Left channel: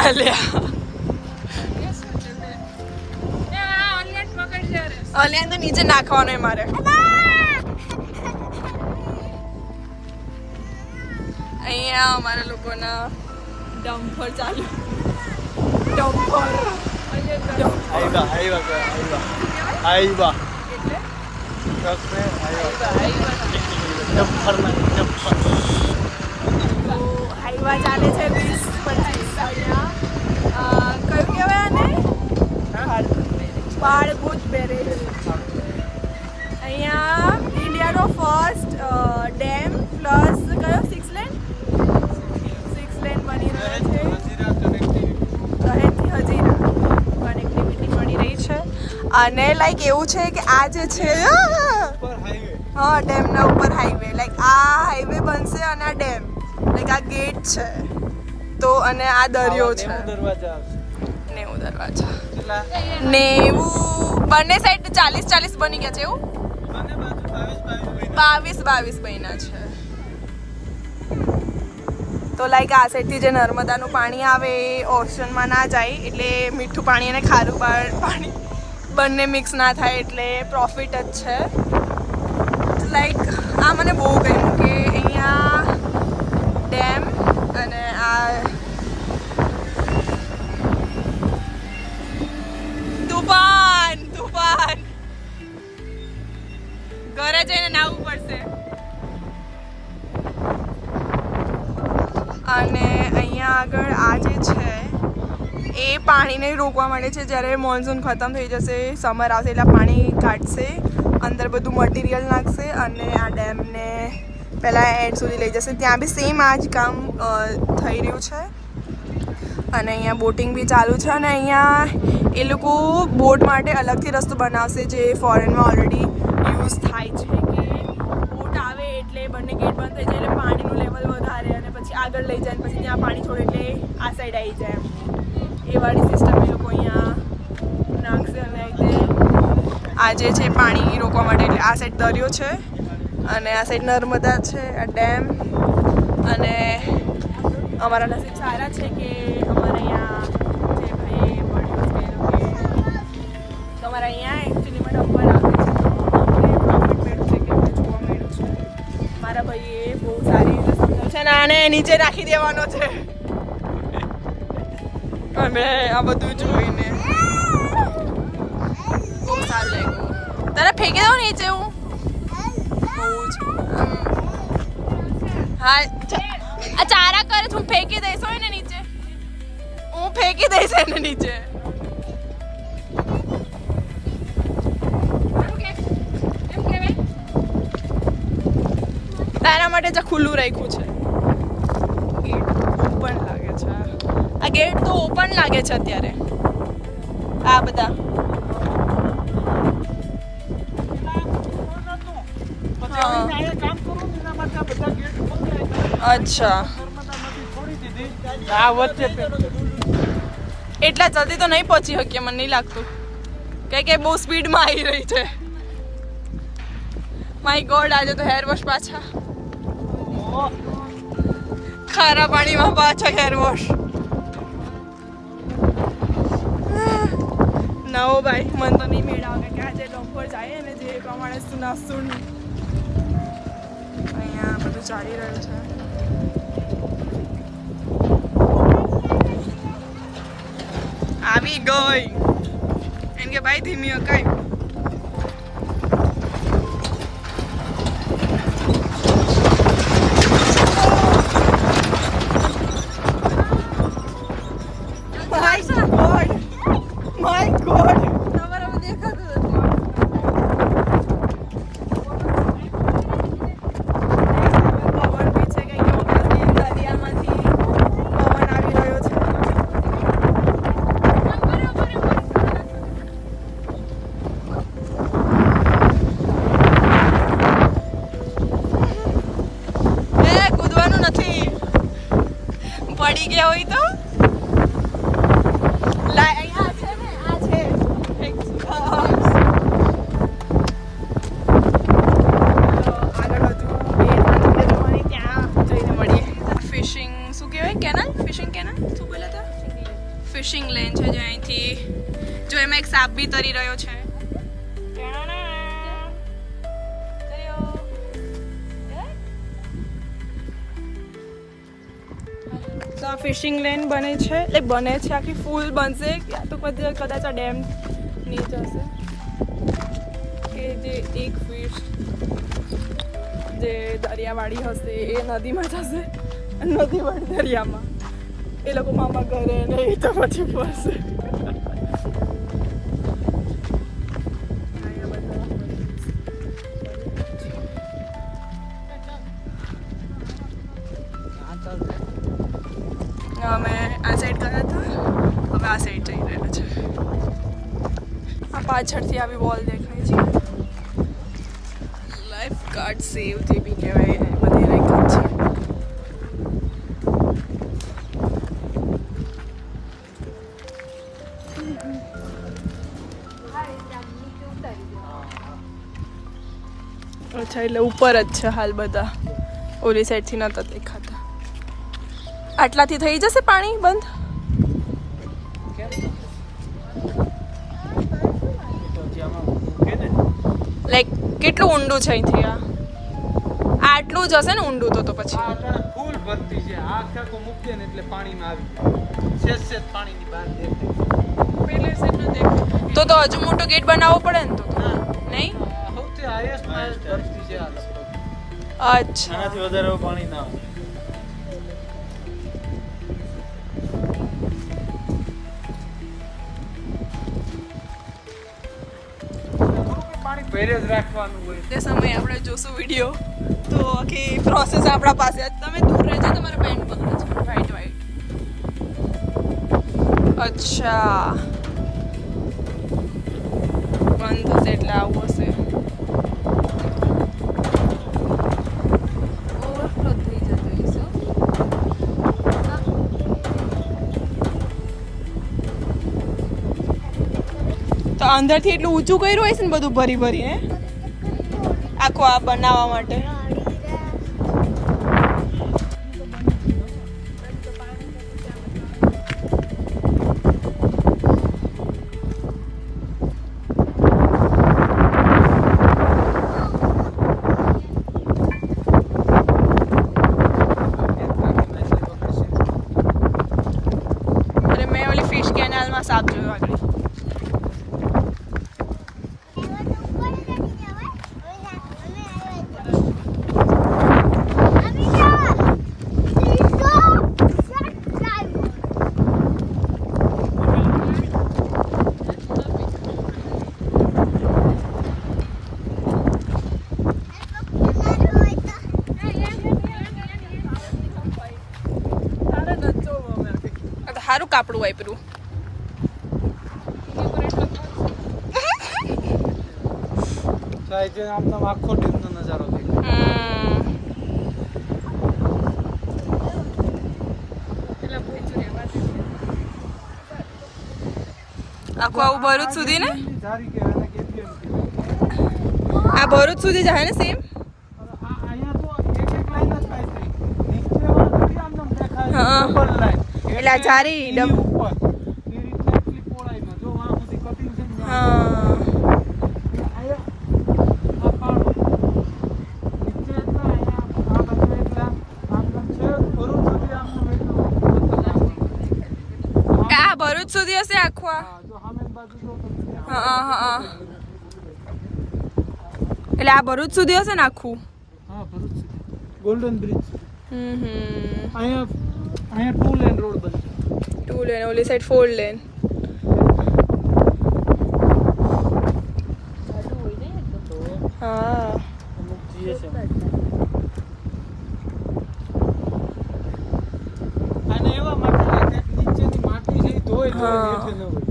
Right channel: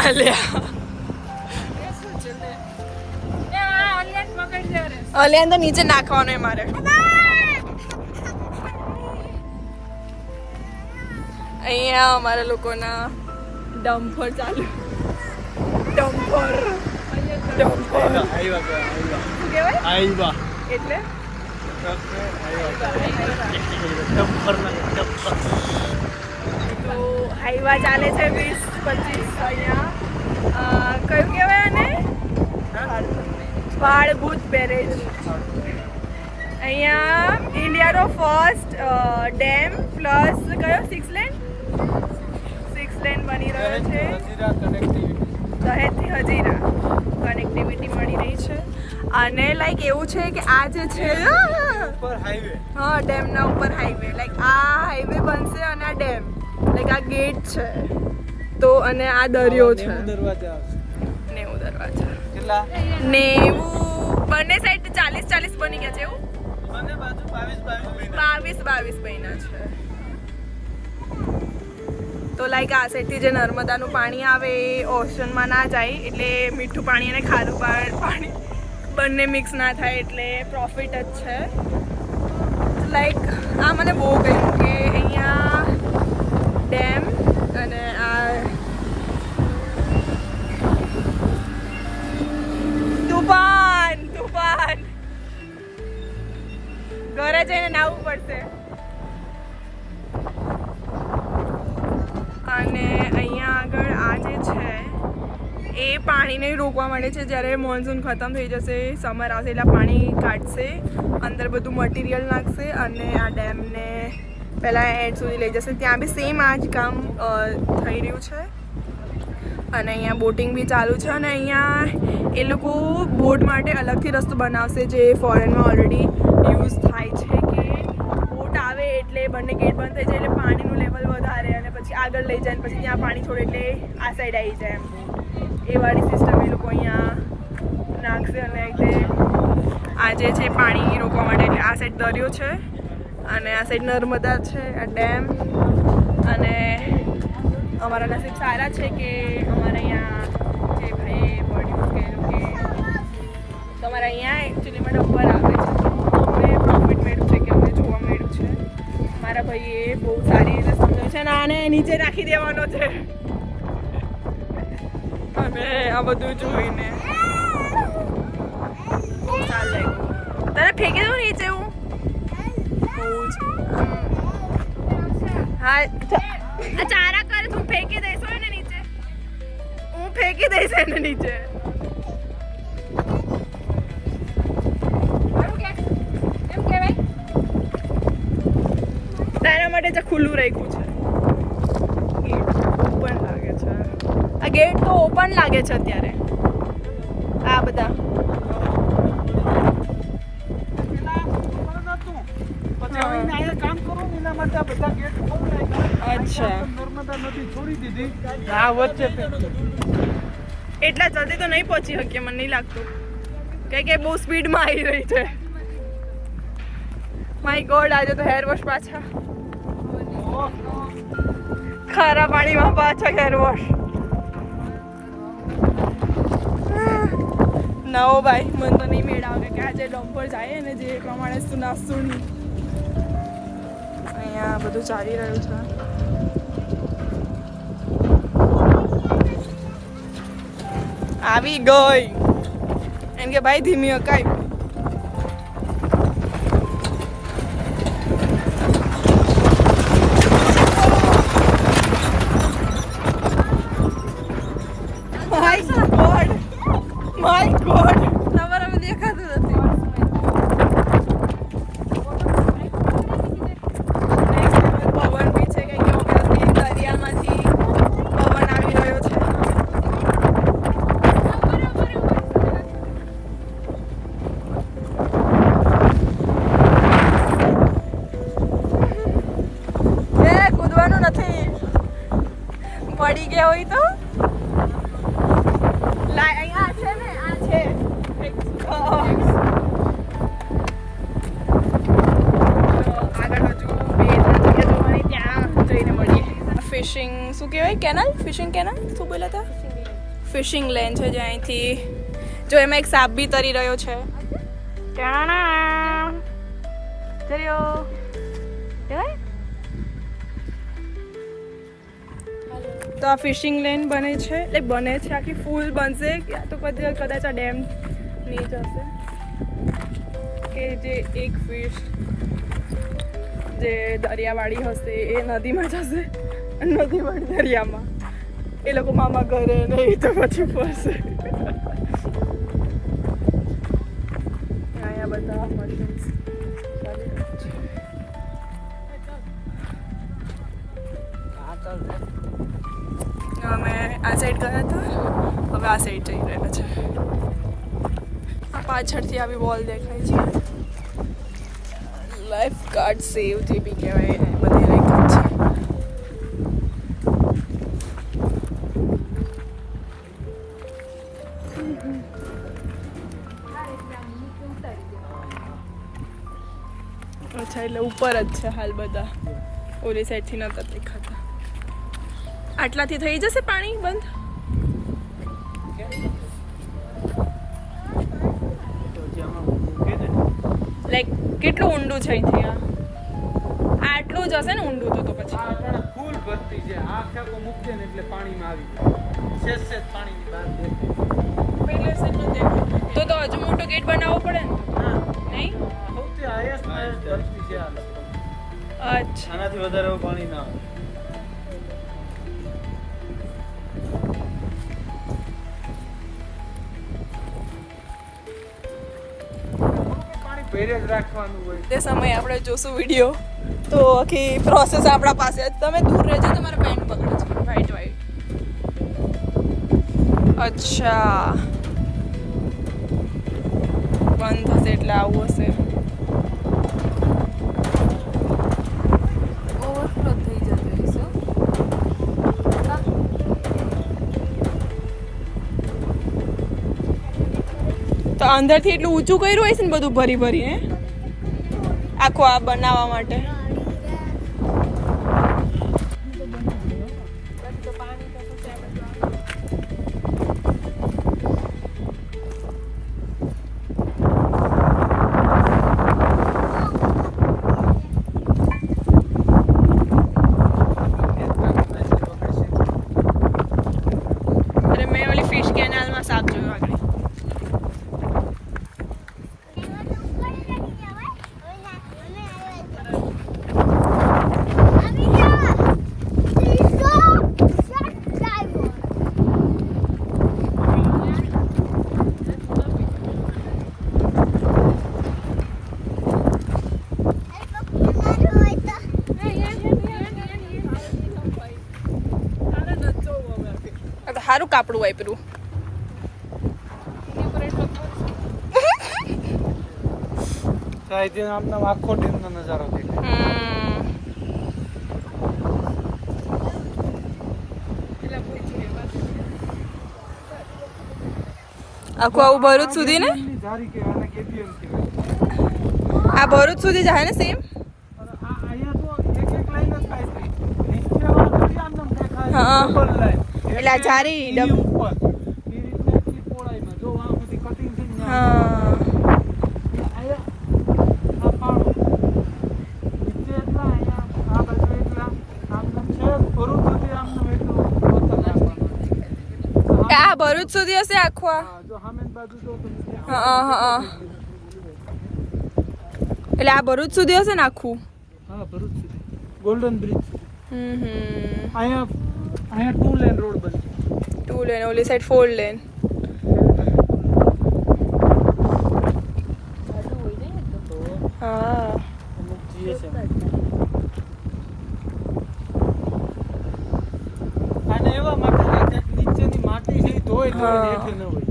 અલ્યા અલ્યા તો નીચે નાખવાનો મારે. અહીંયા અમારા લોકોના ડમ્પર ચાલુ. ડમ્પર એટલે તો હાઈવા ચાલે છે 20-25 અહીંયા. કયું કહેવાય આને? બાળભૂત બેરેજ. અહીંયા ઇન્ડિયાનો ફર્સ્ટ ડેમ પ્લસ કયો 6 લેન બની રહ્યો છે. દહેજથી હજીરા કનેક્ટિવિટી મળી રહી છે. અને લાઈક એવું છે કે આ જે છે હા ડેમના ઉપર હાઈવે, લાઈક આ હાઈવે બનશે અને આ ડેમ, લાઈક આ ગેટ છે તો અને આ દરિયો છે. 90 દરવાજા 90 બંને સાઈડ 40 બની ગયા છે. એવું 22 બન્યા છે. તો લાઈક આ સાઈડથી જે નર્મદાનું પાણી આવે એ ઓશનમાં ના જાય, એટલે મીઠું પાણી અને ખારું પાણી બંને મિક્સ ના થાય, એટલે પ્રોફિટ જ છે. લાઈક આ મને બહુ ગમ્યું કે અહીંયા ડેમ અને આ તુફાન ઘરે જઈને નાહવું પડશે. અને અહીંયા આગળ આ જે છે એ પાણીને રોકવા માટે છે. જ્યારે મોન્સૂન ખતમ થઈ જશે, સમર આવશે એટલે પાણી કાઢશે, અંદર બધું મટીરિયલ નાખશે અને આ ડેમને પહેલાં એન્ડ સુધી લઈ જશે. ત્યાં બી સેમ આ જ કામ થઈ રહ્યું છે. અને અહીંયા બોટિંગ બી ચાલુ છે. અને અહીંયા એ લોકો બોટ માટે અલગથી રસ્તો બનાવશે, જે ફોરેનમાં ઓલરેડી યુઝ થાય છે કે બોટ આવે એટલે બંને ગેટ બંધ થઈ જાય એટલે પાણીનું લેવલ વધારે અને પછી આગળ લઈ જાય, પછી ત્યાં પાણી છોડે એટલે આ સાઈડ આવી જાય. એમ એ વાળી સિસ્ટમ એ લોકો અહીંયા નાખશે. અને રીતે આ જે છે પાણી રોકવા માટે, એટલે આ સાઈડ દરિયો છે અને આ સાઈડ નર્મદા છે, આ ડેમ. અને અમારા નસીબ સારા છે કે અમારા અહીંયા જે ભાઈએ મળ્યું કે તમારા અહીંયા એકચ્યુઅલીમાં ડમ્પર આવે છે, અમને પ્રોફિટ મળ્યું છે કે અમને જોવા મળ્યું છે. મારા ભાઈએ બહુ સારી રીતે સમજાવ્યું છે અને આને નીચે રાખી દેવાનો છે. અને આ બધું જોઈને બહુ સારું લાગ્યું. તારે ફેંકી દઉં નીચે હું? હા આ ચારા કરે તું ફેંકી દઈશ હોય ને નીચે, હું ફેંકી દઈશ એને નીચે. તારા માટે જે ખુલ્લું રાખ્યું છે. ગેટ ઓપન લાગે છે. આ ગેટ તો ઓપન લાગે છે અત્યારે. આ બધા અચ્છા એટલા જલ્દી તો નહીં પહોંચી શકીએ, મને નહીં લાગતું કે બહુ સ્પીડમાં આવી રહી છે. માય ગોડ, આજે તો હેર વોશ પાછા ખારા પાણીમાં પાછા હેર વોશ. નવો ભાઈ મને તો નહીં મેળાવે કે આજે ડમ્પર જાય અને જે પ્રમાણે સુનાસુન અહીંયા બધું ચાલી રહ્યું છે. આવી ગઈ એમ કે ભાઈ ધીમી હકાય. માય ગોડ તમારા દેખાતું નથી. પવન બી છે કે દરિયામાંથી પવન આવી રહ્યો છે. કૂદવાનું નથી, પડી ગયા હોય તો ફિશિંગ શું કહેવાય? કેનલ, ફિશિંગ કેનલ શું બોલ્યા હતા? ફિશિંગ લેન છે જે અહીંથી જો એમાં એક સાપ બી તરી રહ્યો છે. તો આ ફિશિંગ લેન બને છે આખી ફૂલ બનશે યા તો કદાચ આ ડેમ ની જશે કે જે એક ફિશ જે દરિયાવાળી હશે એ નદીમાં જશે નદીવાળી દરિયામાં એ લોકો મામા ઘરે નહીં તો પછી ફરશે. અહીંયા બધા મશીન્સ અમે આ સાઈડ ગયા હતા હવે આ સાઈડ જઈ રહ્યા છે. આ પાછળથી આવી વોલ દેખાય છે લાઈફ ગાર્ડ સેવ જે બી કહેવાય બધી દેખાય છે. અચ્છા એટલે ઉપર જ છે હાલ બધા ઓલી સાઈડથી નતા દેખાતા. આટલાથી થઈ જશે પાણી બંધ? લાઈક કેટલું ઊંડું છે અહીંથી? આટલું જ હશે ને ઊંડું તો પછી ફૂલ ભરતી છે. આ ખેતો મૂકજે ને એટલે પાણીમાં આવી સેજ પાણીની બહાર દેખાય. તો હજુ મોટો ગેટ બનાવવો પડે ને તો નહીં? સૌથી હાઈએસ્ટ ભરતી છે. અચ્છા આનાથી વધારે પાણી ના આવે. પહેરે જ રાખવાનું હોય. તે સમયે આપણે જોશું વિડીયો તો આખી પ્રોસેસ આપણા પાસે જ. તમે દૂર રહેજો, તમારા પેન્ટ પકડે છે વ્હાઈટ વ્હાઈટ. અચ્છા બંધ થશે એટલે આવું હશે. તો અંદરથી એટલું ઊંચું કર્યું હશે ને બધું ભરી ભરી હે આખું આ બનાવવા માટે. અરે મેં ઓલી ફિશ કેનાલમાં સાપ જોયો આગળ. સારું કાપડું વાપર્યું. તો આજે આપનો આખો ટીમનો નજારો દેખાય. આખું આવું ભરૂચ સુધી ને ધારી કે અને કેપીએમ કે આ ભરૂચ સુધી જાય ને સેમ. અહીંયા તો એક લાઈન જ થાય છે. નીચે વાળી આમ દેખાય હા. Double line. એટલે આ જારી એની ઉપર એ રીતના એટલી પહોળાઈમાં જો આ બધી કટિંગ છે ને હા અહીંયા આ પાડો નીચે એટલા અહીંયા આ બાજુ એટલા આમ છે ભરૂચ સુધી આમનું એટલું પથ્થર નાખવાનું. આ ભરૂચ સુધી હશે આખું આ. હા જો સામેની બાજુ જો તમે હા હા એટલે આ ભરૂચ સુધી હશે ને આખું. હા ભરૂચ સુધી ગોલ્ડન બ્રિજ. અહીંયા 2 લેન રોડ બનશે. 2 લેન ઓલી સાઈડ 4 લેન. હા અમુક GSM. અને એવા માટે નીચેની માટી છે એ ધોઈ હેઠે ન હોય.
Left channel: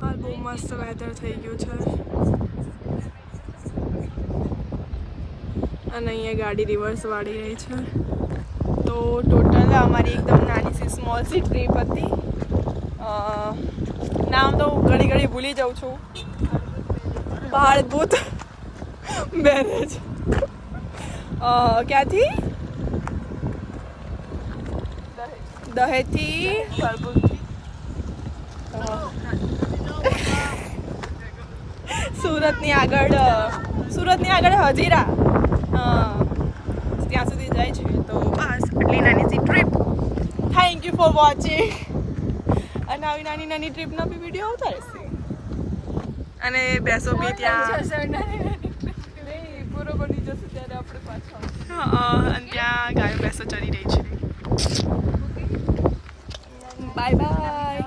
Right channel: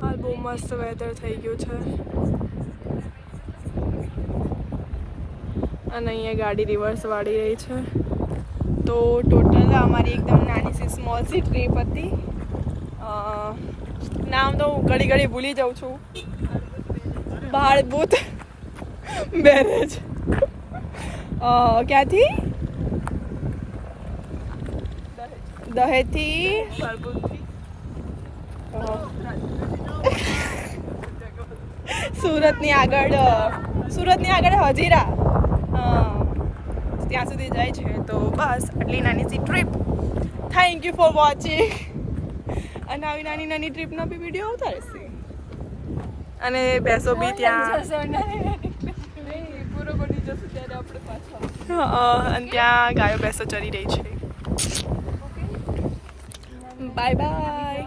હાલ બહુ મસ્ત વેધર થઈ ગયું છે અને અહીંયા ગાડી રિવર્સ વાળી રહી છે. તો ટોટલ અમારી એકદમ નાની સી સ્મોલ સી ટ્રીપ હતી. નામ તો હું ઘડી ઘડી ભૂલી જાઉં છું. બાળભૂત બેરેજ ક્યાંથી દહેજથી સુરતની આગળ હજીરા ત્યાં સુધી જાય છે. તો બસ આટલી નાની C trip. Thank you for watching. અને આવી નાની નાની ટ્રીપના બી વિડીયો આવતા રહેશે. અને બેસો બી ત્યાં અને ત્યાં ગાયો બેસો ચરી રહી છે. Bye bye.